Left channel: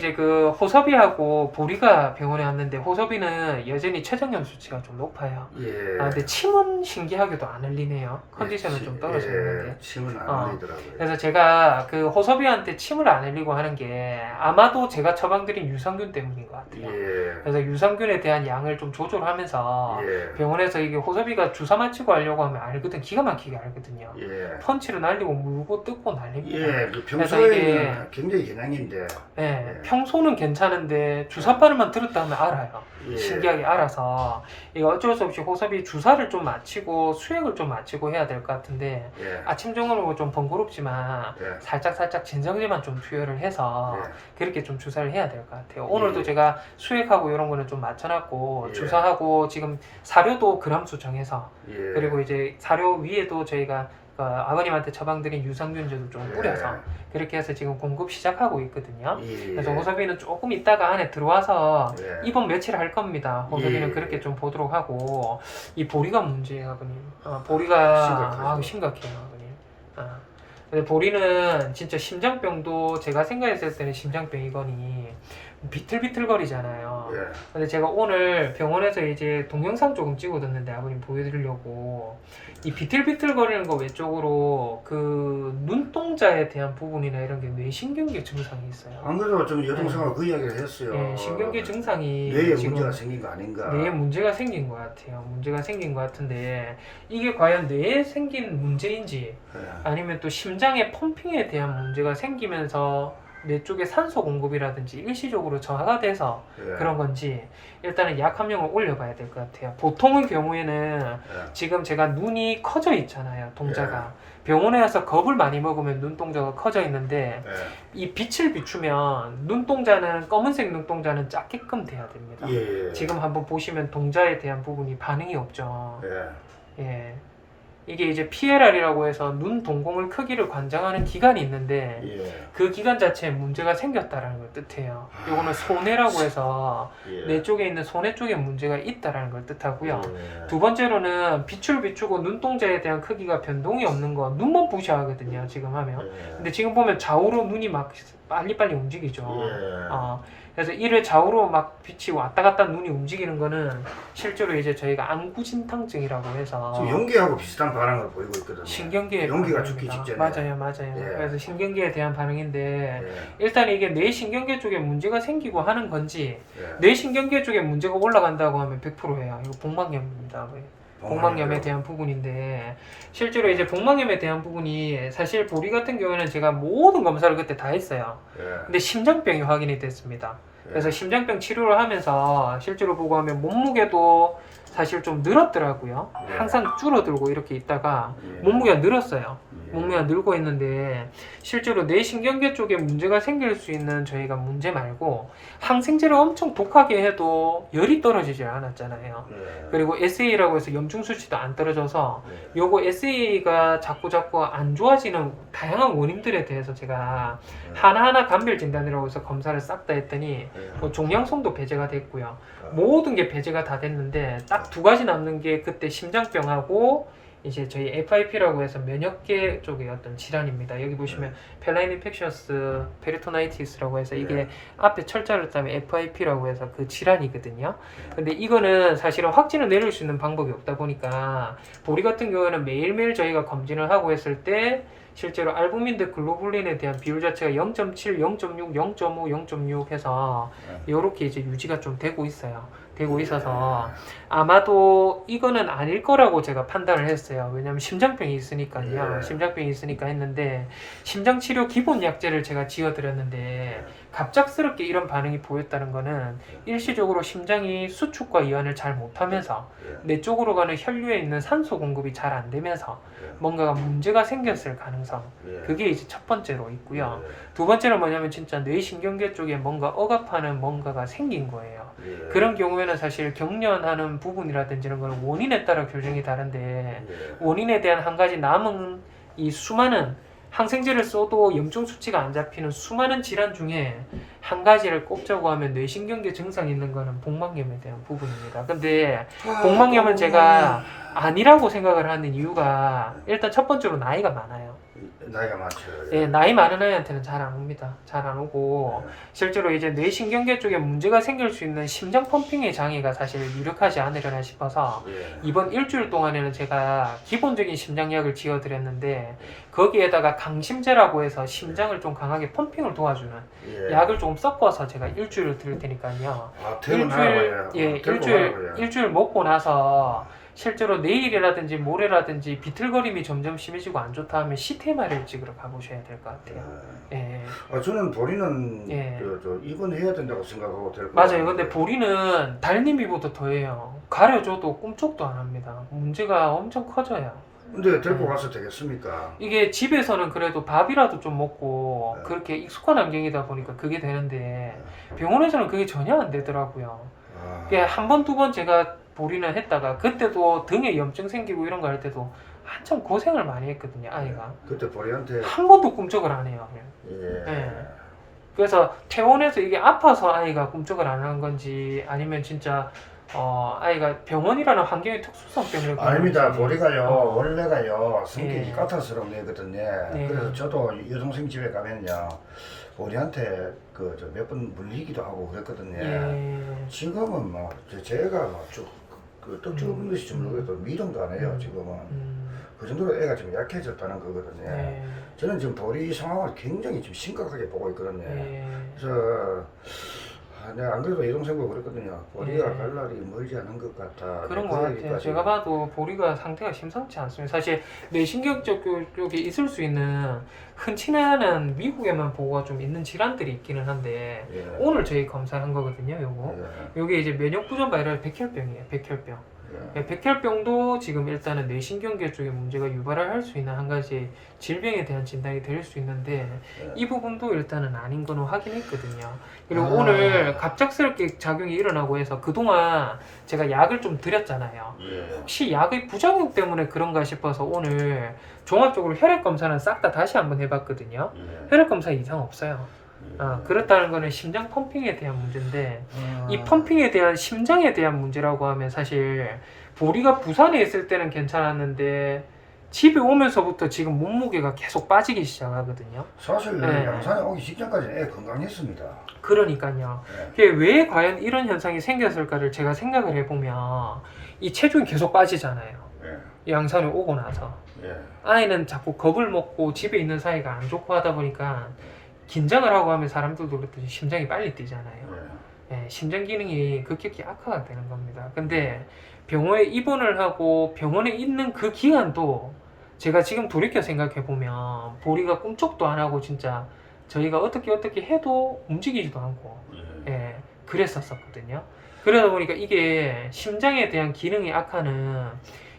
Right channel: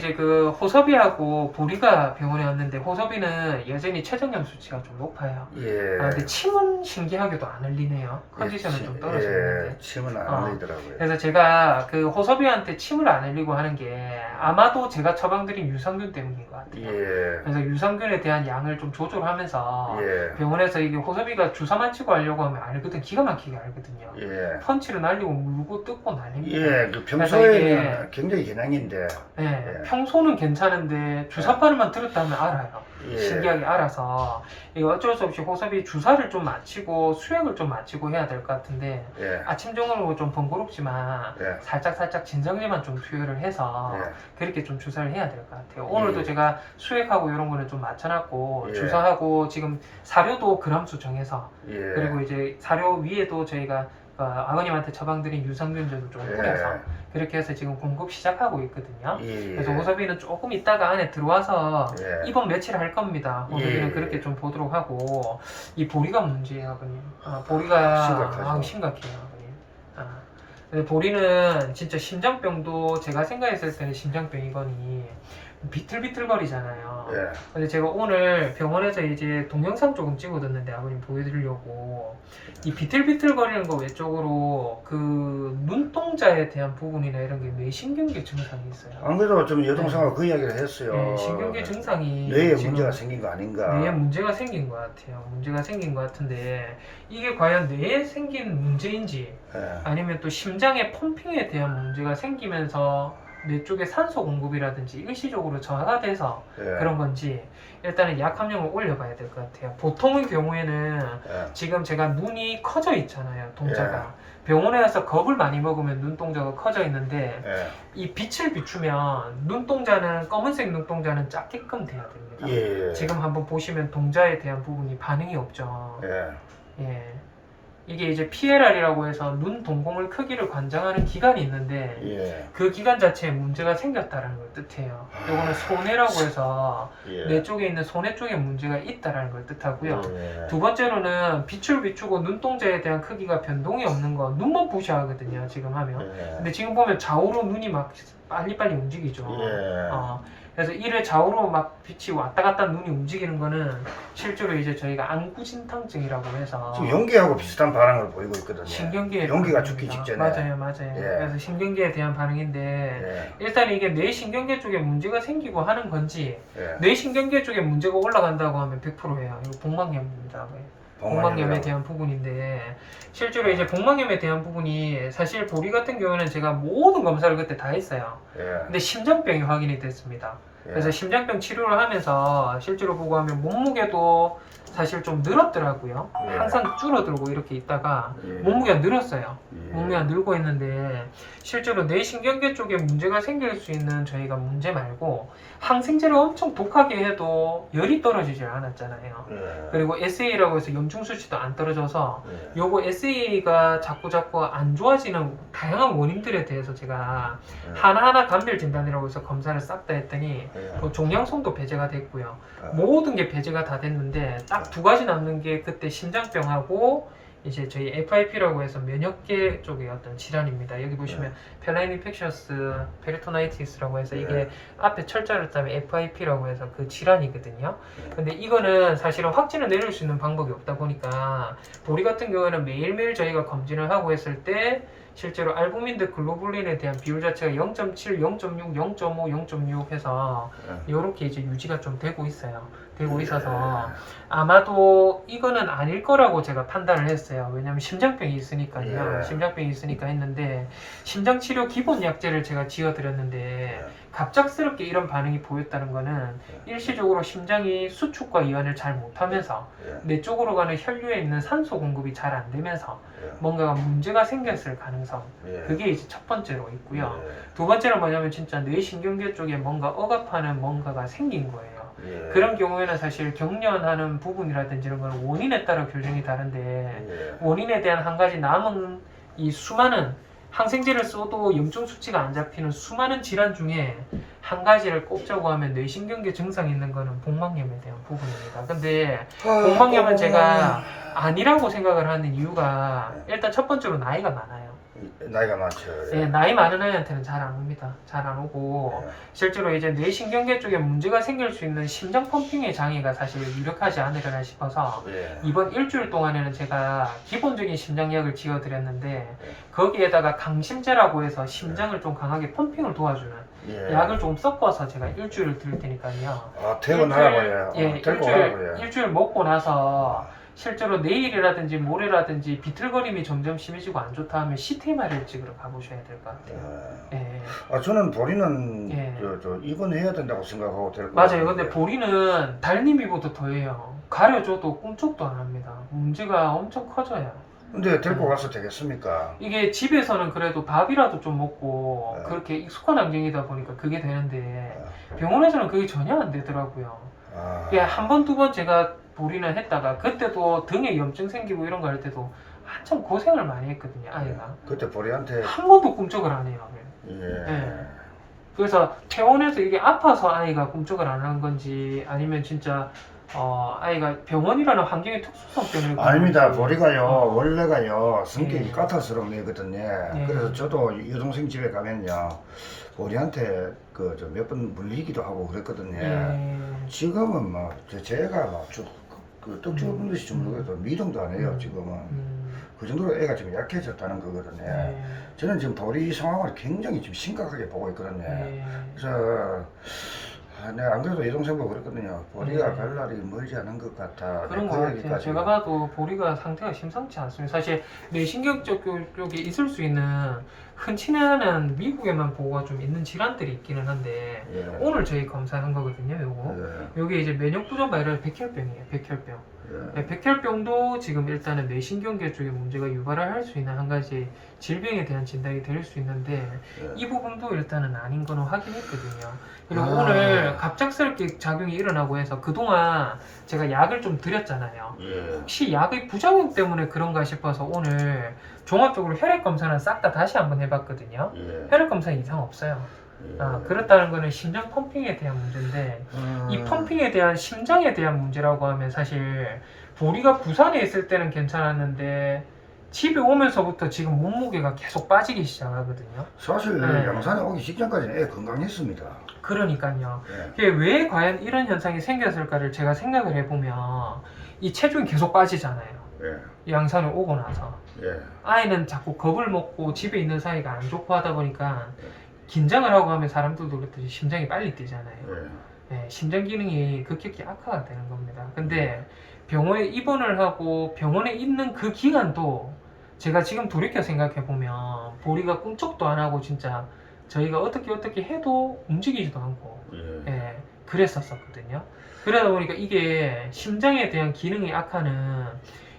이제 그 호섭이하고 보리가 병원에 왔는데 호섭이는 여전히 췌장염 수치가 좀 높아요. 예. 근데 침은 신기하게도 안 흘리네요. 컨디션은 좀 떨어졌는데. 침은 안 어. 흘리더라고요. 그래서 제가 그 호섭이한테 침을 안 흘리고 하는 게 아마도 제가 처방드린 유산균 때문인 것 같아요. 예. 그래서 유산균에 대한 양을 좀 조절하면서 예. 병원에서 이게 호섭이가 주사 맞히고 하려고 하면 알거든. 기가 막히게 알거든요. 예. 펀치를 날리고 물고 뜯고 날립니다. 예, 그 그래서 평소에는 굉장히 개량인데. 네, 예. 평소는 괜찮은데 주사 바늘만 들었다 하면 알아요. 예. 신기하게 알아서 이거 어쩔 수 없이 호섭이 주사를 좀 맞히고 수액을 좀 맞히고 해야 될 것 같은데 예. 아침 정으로 좀 번거롭지만 예. 살짝 진정제만 좀 투여를 해서 예. 그렇게 좀 주사를 해야 될 것 같아요. 오늘도 예. 제가 수액하고 이런 거는 좀 맞춰놨고 예. 주사하고 지금 사료도 그람수 정해서 예. 그리고 이제 사료 위에도 저희가 아버님한테 처방드린 유산균제도 좀 뿌려서 그렇게 해서 지금 공급 시작하고 있거든요. 예. 그래서 호섭이는 조금 있다가 안에 들어와서 예. 입원 며칠 할 겁니다. 호섭이는 예. 그렇게 좀 보도록 하고 이 보리가 문제예요, 아버님. 보리가 심각하죠. 심각해요, 아버님. 근데 보리는 진짜 심장병도 제가 생각했을 때는 심장병이거니 비틀비틀거리잖아요. 예. 근데 제가 오늘 병원에서 이제 동영상 조금 찍어뒀는데 아버님 보여드리려고 이 비틀비틀거리는 거 외적으로 그 눈동자에 대한 부분이나 이런 게 뇌신경계 증상이 있어요. 안 그래도 좀 여동생하고 그 이야기를 했어요. 네, 신경계 증상이 뇌에 지금 문제가 생긴 거 아닌가. 뇌에 문제가 생긴 것 같아요. 문제가 생긴 것 같은데 이게 과연 뇌에 생긴 문제인지 예. 아니면 또 심장의 펌핑에 대한 문제가 생기면서 뇌 쪽에 산소 공급이라든지 일시적으로 저하가 돼서 예. 그런 건지 일단은 약 한 명을 올려봐야 될 것 같아요. 보통의 경우에는 예. 지금 제가 눈이 커져 있잖아요. 동자가. 병원에 와서 겁을 많이 먹으면 눈동자가 커져 있는데 예. 이 빛을 비추면 눈동자는 검은색 눈동자는 작게끔 돼야 됩니다. 예. 지금 한번 보시면 동자에 대한 부분이 반응이 없죠. 예. 예. 이게 이제 PLR이라고 해서 눈 동공을 크기를 관장하는 기관이 있는데 예. 그 기관 자체에 문제가 생겼다는 걸 뜻해요. 이거는 소뇌라고 해서 예. 뇌 쪽에 있는 소뇌 쪽에 문제가 있다라는 걸 뜻하고요. 예. 두 번째로는 빛을 비추고 눈동자에 대한 크기가 변동이 없는 거 눈만 부셔하거든요. 지금 하면. 예. 근데 지금 보면 좌우로 눈이 막 빨리빨리 움직이죠. 예. 그래서 이래 좌우로 막 빛이 왔다 갔다 눈이 움직이는 거는 실제로 이제 저희가 안구진탕증이라고 해서 지금 연기하고 비슷한 반응을 보이고 있거든요. 신경계에 연기가 반응입니다. 죽기 직전에. 맞아요. 예. 그래서 신경계에 대한 반응인데 예. 일단 이게 뇌 신경계 쪽에 문제가 생기고 하는 건지 예. 뇌 신경계 쪽에 문제가 올라간다고 하면 100%예요. 이거 복막염입니다. 복막염에 대한 부분인데 실제로 이제 복막염에 대한 부분이 사실 보리 같은 경우에는 제가 모든 검사를 그때 다 했어요. 예. 근데 심장병이 확인이 됐습니다. 그래서 심장병 치료를 하면서 실제로 보고 하면 몸무게도 사실 좀 늘었더라고요. 예. 항상 줄어들고 이렇게 있다가 예. 몸무게가 늘었어요. 예. 몸무게가 늘고 있는데 실제로 뇌신경계 쪽에 문제가 생길 수 있는 저희가 문제 말고 항생제를 엄청 독하게 해도 열이 떨어지질 않았잖아요. 예. 그리고 SA라고 해서 염증 수치도 안 떨어져서 예. 요거 SA가 자꾸 안 좋아지는 다양한 원인들에 대해서 제가 예. 하나하나 감별 진단이라고 해서 검사를 싹 다 했더니 예. 뭐 종양성도 배제가 됐고요. 예. 모든 게 배제가 다 됐는데 딱 두 가지 남는 게 그때 심장병하고 이제 저희 FIP라고 해서 면역계 쪽의 어떤 질환입니다. 여기 보시면 펠라인 인펙셔스 페리토나이티스라고 해서 이게 앞에 철자를 따면 FIP라고 해서 그 질환이거든요. 근데 이거는 사실은 확진을 내릴 수 있는 방법이 없다 보니까 보리 같은 경우에는 매일매일 저희가 검진을 하고 했을 때 실제로 알부민 대 글로불린에 대한 비율 자체가 0.7, 0.6, 0.5, 0.6 해서 이렇게 이제 유지가 좀 되고 있어요. 되고 있어서 아마도 이거는 아닐 거라고 제가 판단을 했어요. 왜냐면 심장병이 있으니까요. 심장병이 있으니까 했는데 심장치료 기본 약제를 제가 지어드렸는데 갑작스럽게 이런 반응이 보였다는 거는 일시적으로 심장이 수축과 이완을 잘 못하면서 뇌 쪽으로 가는 혈류에 있는 산소 공급이 잘 안 되면서 뭔가가 문제가 생겼을 가능성 그게 이제 첫 번째로 있고요. 두 번째로 뭐냐면 진짜 뇌신경계 쪽에 뭔가 억압하는 뭔가가 생긴 거예요. 그런 경우에는 사실 경련하는 부분이라든지 이런 건 원인에 따라 교정이 다른데 원인에 대한 한 가지 남은 이 수많은 항생제를 써도 염증 수치가 안 잡히는 수많은 질환 중에 한 가지를 꼽자고 하면 뇌신경계 증상이 있는 거는 복막염에 대한 부분입니다. 근데 복막염은 제가 아니라고 생각을 하는 이유가 일단 첫 번째로 나이가 많아요. 나이가 많죠. 예, 나이 많은 아이한테는 잘 안 옵니다. 잘 안 오고 예. 실제로 이제 뇌신경계 쪽에 문제가 생길 수 있는 심장 펌핑의 장애가 사실 유력하지 않으려나 싶어서 예. 이번 일주일 동안에는 제가 기본적인 심장약을 지어드렸는데 예. 거기에다가 강심제라고 해서 심장을 좀 강하게 펌핑을 도와주는 예. 약을 조금 섞어서 제가 일주일을 드릴 테니까요. 아, 퇴근하라고요. 예, 데리고 가라고요. 일주일 먹고 나서 실제로 내일이라든지 모레라든지 비틀거림이 점점 심해지고 안 좋다 하면 CTMR을 찍으러 가보셔야 될 것 같아요. 예. 아, 저는 보리는 예. 저 입원해야 된다고 생각하고 데리고 맞아요. 왔는데. 근데 보리는 달님이보다 더해요. 가려줘도 꿈쩍도 안 합니다. 문제가 엄청 커져요. 근데 데리고 가서 되겠습니까? 이게 집에서는 그래도 밥이라도 좀 먹고 네. 그렇게 익숙한 환경이다 보니까 그게 되는데 병원에서는 그게 전혀 안 되더라고요. 아, 그게 한 번, 두 번 제가 보리는 했다가 그때도 등에 염증 생기고 이런 거 할 때도 한참 고생을 많이 했거든요. 아이가. 그때 보리한테 한 번도 꿈쩍을 안 해요. 예. 예. 그래서 퇴원해서 이게 아파서 아이가 꿈쩍을 안 한 건지 아니면 진짜 아이가 병원이라는 환경의 특수성 때문에 그런 아닙니다. 건지. 보리가요 원래가요 성격이 예. 까탈스러운 애거든요. 예. 그래서 저도 여동생 집에 가면요 보리한테 그 몇 번 물리기도 하고 그랬거든요. 예. 지금은 막 제가 막쭉그 떡죽 듯이 주물러도 미동도 안 해요. 지금은 그 정도로 애가 지금 약해졌다는 거거든요. 예. 저는 지금 보리 상황을 굉장히 지금 심각하게 보고 있거든요. 예. 그래서 내가 안 그래도 여동생 보고 그랬거든요. 보리가 예. 갈 날이 멀지 않은 것 같아. 그런 그 것 같아요. 얘기까지. 제가 봐도 보리가 상태가 심상치 않습니다. 사실 뇌신경적 쪽에 있을 수 있는 흔치 않은 미국에만 보고가 좀 있는 질환들이 있기는 한데 예. 오늘 저희 검사한 거거든요. 요거. 예. 요게 이제 면역부전 바이러스 백혈병이에요. 백혈병. 예. 네, 백혈병도 지금 일단은 뇌신경계 쪽에 문제가 유발을 할 수 있는 한 가지 질병에 대한 진단이 될 수 있는데 예. 이 부분도 일단은 아닌 거는 확인했거든요. 그리고 아. 오늘 갑작스럽게 작용이 일어나고 해서 그동안 제가 약을 좀 드렸잖아요. 예. 혹시 약의 부작용 때문에 그런가 싶어서 오늘 종합적으로 혈액 검사는 싹 다 다시 한번 해봤거든요. 예. 혈액 검사 이상 없어요. 예. 그렇다는 거는 심장 펌핑에 대한 문제인데 이 음. 펌핑에 대한 심장에 대한 문제라고 하면 사실 보리가 부산에 있을 때는 괜찮았는데 집에 오면서부터 지금 몸무게가 계속 빠지기 시작하거든요. 사실 네. 양산에 오기 직전까지 애 건강했습니다. 그러니까요. 예. 그게 왜 과연 이런 현상이 생겼을까를 제가 생각을 해보면 이 체중이 계속 빠지잖아요. 예. 양산에 오고 나서 예. 아이는 자꾸 겁을 먹고 집에 있는 사이가 안 좋고 하다 보니까 긴장을 하고 하면 사람들도 그렇듯이 심장이 빨리 뛰잖아요. 예. 예, 심장 기능이 급격히 악화가 되는 겁니다. 근데 병원에 입원을 하고 병원에 있는 그 기간도 제가 지금 돌이켜 생각해 보면 보리가 꿈쩍도 안 하고 진짜 저희가 어떻게 해도 움직이지도 않고 예. 예, 그랬었거든요. 그러다 보니까 이게 심장에 대한 기능이 악화는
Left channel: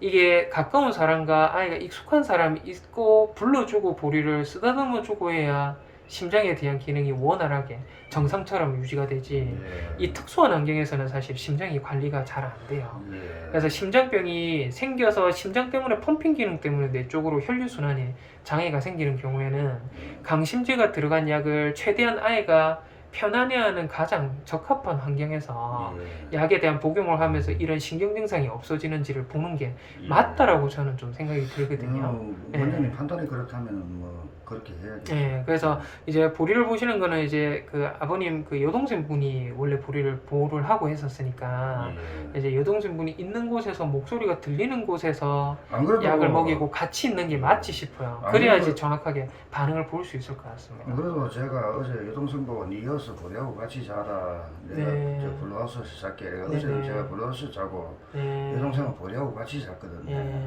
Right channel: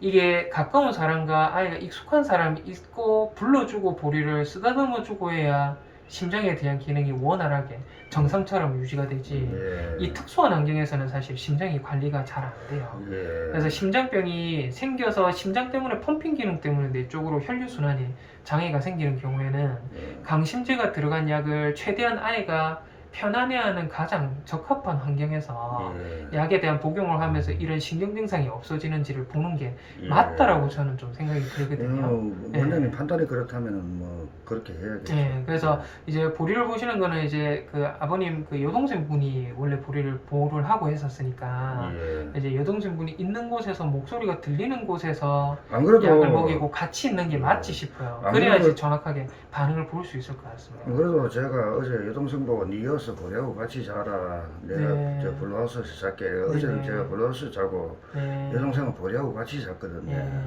이게 가까운 사람과 아이가 익숙한 사람이 있고 불러주고 보리를 쓰다듬어 주고 해야 심장에 대한 기능이 원활하게 정상처럼 유지가 되지 예. 이 특수한 환경에서는 사실 심장이 관리가 잘 안 돼요. 예. 그래서 심장병이 생겨서 심장 때문에 펌핑 기능 때문에 내 쪽으로 혈류순환이 장애가 생기는 경우에는 예. 강심제가 들어간 약을 최대한 아이가 편안해하는 가장 적합한 환경에서 예. 약에 대한 복용을 하면서 이런 신경 증상이 없어지는지를 보는 게 예. 맞다라고 저는 좀 생각이 들거든요. 원장님 예. 판단이 그렇다면 뭐 그렇게 해야겠죠. 예, 그래서 이제 보리를 보시는 거는 이제 그 아버님 그 여동생 분이 원래 보리를 보호를 하고 했었으니까 예. 이제 여동생 분이 있는 곳에서 목소리가 들리는 곳에서 안 그래도 약을 먹이고 같이 있는 게 예. 맞지 싶어요. 안 그래야지 그래도- 정확하게 반응을 볼 수 있을 것 같습니다. 안 그래도 제가 어제 여동생 보고 니 여서 보려고 같이 자라 내가 네. 저 블루하우스에서 잘게 어제는 네. 제가 블루하우스 자고 예. 여동생은 보려고 같이 잤거든요. 예.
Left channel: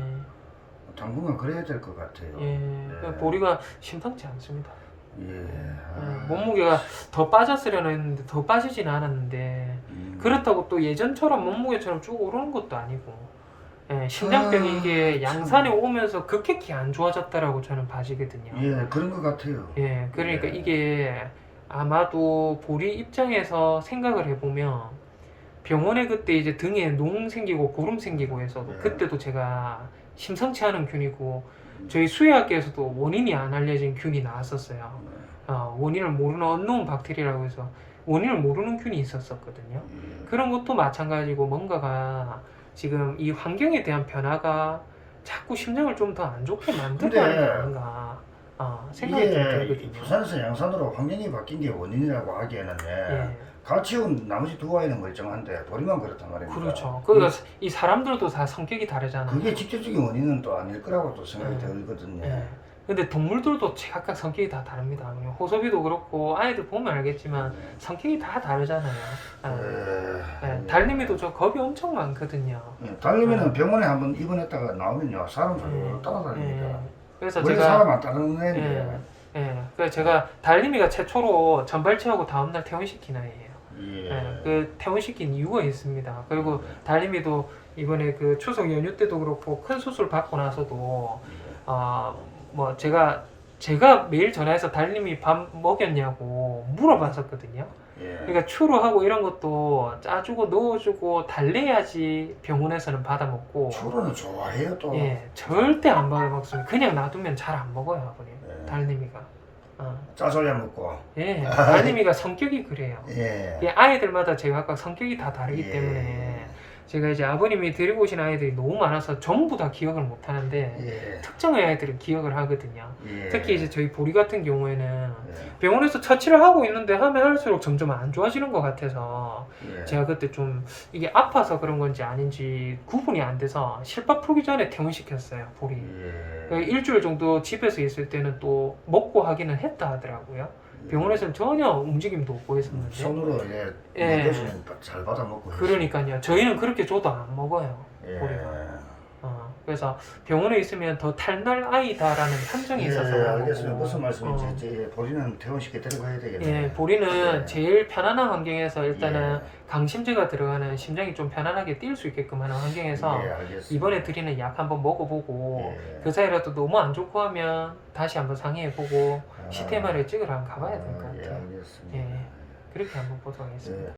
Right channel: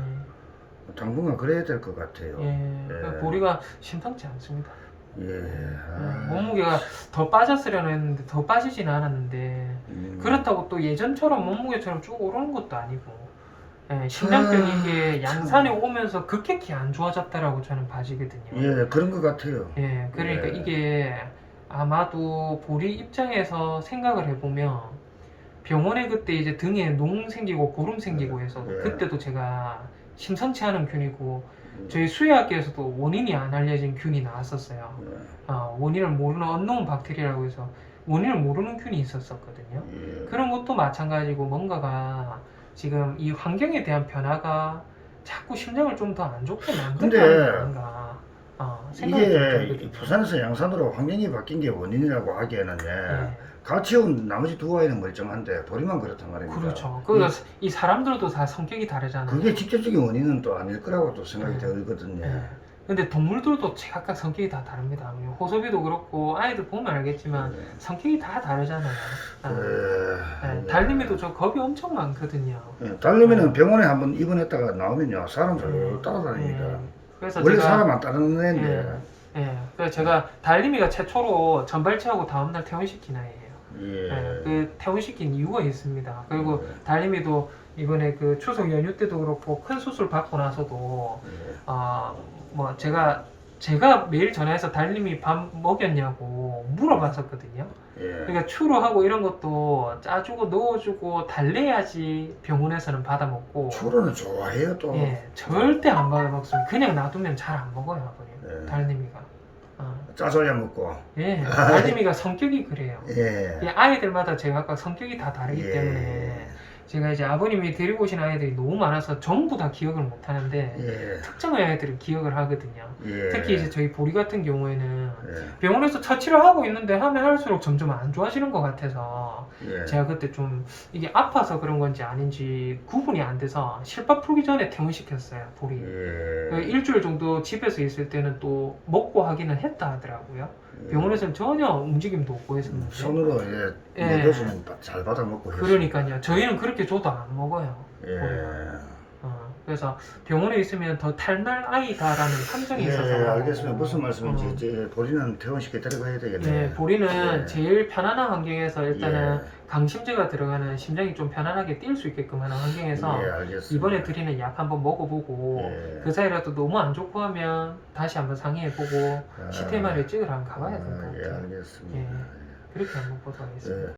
당분간 그래야 될 것 같아요. 예. 예. 보리가 심상치 않습니다. 예. 몸무게가 더 빠졌으려나 했는데 더 빠지진 않았는데 그렇다고 또 예전처럼 몸무게처럼 쭉 오르는 것도 아니고 예, 심장병이 이게 양산에 오면서 급격히 안 좋아졌다라고 저는 봐지거든요. 예, 그런 것 같아요. 예, 그러니까 예. 이게 아마도 보리 입장에서 생각을 해보면 병원에 그때 이제 등에 농 생기고 고름 생기고 해서 예. 그때도 제가 심상치 않은 균이고 저희 수의학계에서도 원인이 안 알려진 균이 나왔었어요. 원인을 모르는 언노운 박테리아라고 해서 원인을 모르는 균이 있었거든요. 예. 그런 것도 마찬가지고 뭔가가 지금 이 환경에 대한 변화가 자꾸 심장을 좀 더 안 좋게 만드는 근데 건가. 생각이 좀 이게 들거든요. 부산에서 양산으로 환경이 바뀐 게 원인이라고 하기에는 예. 같이 온 나머지 두 아이는 멀쩡한데 보리만 그렇단 말입니다. 그렇죠. 그러니까 이 사람들도 다 성격이 다르잖아요. 그게 직접적인 원인은 또 아닐 거라고 또 생각이 예. 들거든요. 예. 근데 동물들도 각각 성격이 다 다릅니다. 우리 호섭이도 그렇고 아이들 보면 알겠지만 성격이 다 다르잖아요. 달님이도 저 겁이 엄청 많거든요. 달리면은 병원에 한번 입원했다가 나오면요 사람들 따라다닙니다. 그래서 원래 제가 사람 안 따르는 애인데. 그래서 제가 달님이가 최초로 전발치하고 다음날 퇴원시킨 아이예요. 그 퇴원시킨 이유가 있습니다. 그리고 달님이도 이번에 그 추석 연휴 때도 그렇고 큰 수술 받고 나서도 뭐 제가 매일 전화해서 달님이 밥 먹였냐고 물어봤었거든요. 그러니까 추루하고 이런 것도 짜주고 넣어주고 달래야지 병원에서는 받아 먹고. 추루는 좋아해요 또. 절대 안 받아 먹습니다. 그냥 놔두면 잘 안 먹어요, 아버님. 달님이가. 짜줘야 먹고. 달님이가 성격이 그래요. 예. 아이들마다 제가 아까 성격이 다 다르기 때문에 제가 이제 아버님이 데리고 오신 아이들이 너무 많아서 전부 다 기억을 못 하는데 특정의 아이들은 기억을 하거든요. 특히 이제 저희 보리 같은 경우에는 병원에서 처치를 하고 있는데 하면 할수록 점점 안 좋아지는 것 같아서 제가 그때 좀 이게 아파서 그런 건지 아닌지 구분이 안 돼서 실밥 풀기 전에 퇴원시켰어요, 보리. 일주일 정도 집에서 있을 때는 또 먹고 하기는 했다 하더라고요. 병원에서는 전혀 움직임도 없고 했었는데 손으로 먹여주면 잘 받아 먹고 했어요. 그러니까요. 저희는 그렇게 줘도 안 먹어요. 그래서 병원에 있으면 더 탈날 아이다라는 함정이 있어서. 알겠습니다. 무슨 말씀인지 이제 보리는 퇴원시켜 데려가야 되겠네요. 보리는 제일 편안한 환경에서 일단은 강심제가 들어가는 심장이 좀 편안하게 뛸 수 있게끔 하는 환경에서 이번에 드리는 약 한번 먹어보고 그 사이라도 너무 안 좋고 하면 다시 한번 상의해보고 CT MRI 찍으러 한번 가봐야 될 것 같아요. 알겠습니다. 그렇게 한번 보도록 하겠습니다.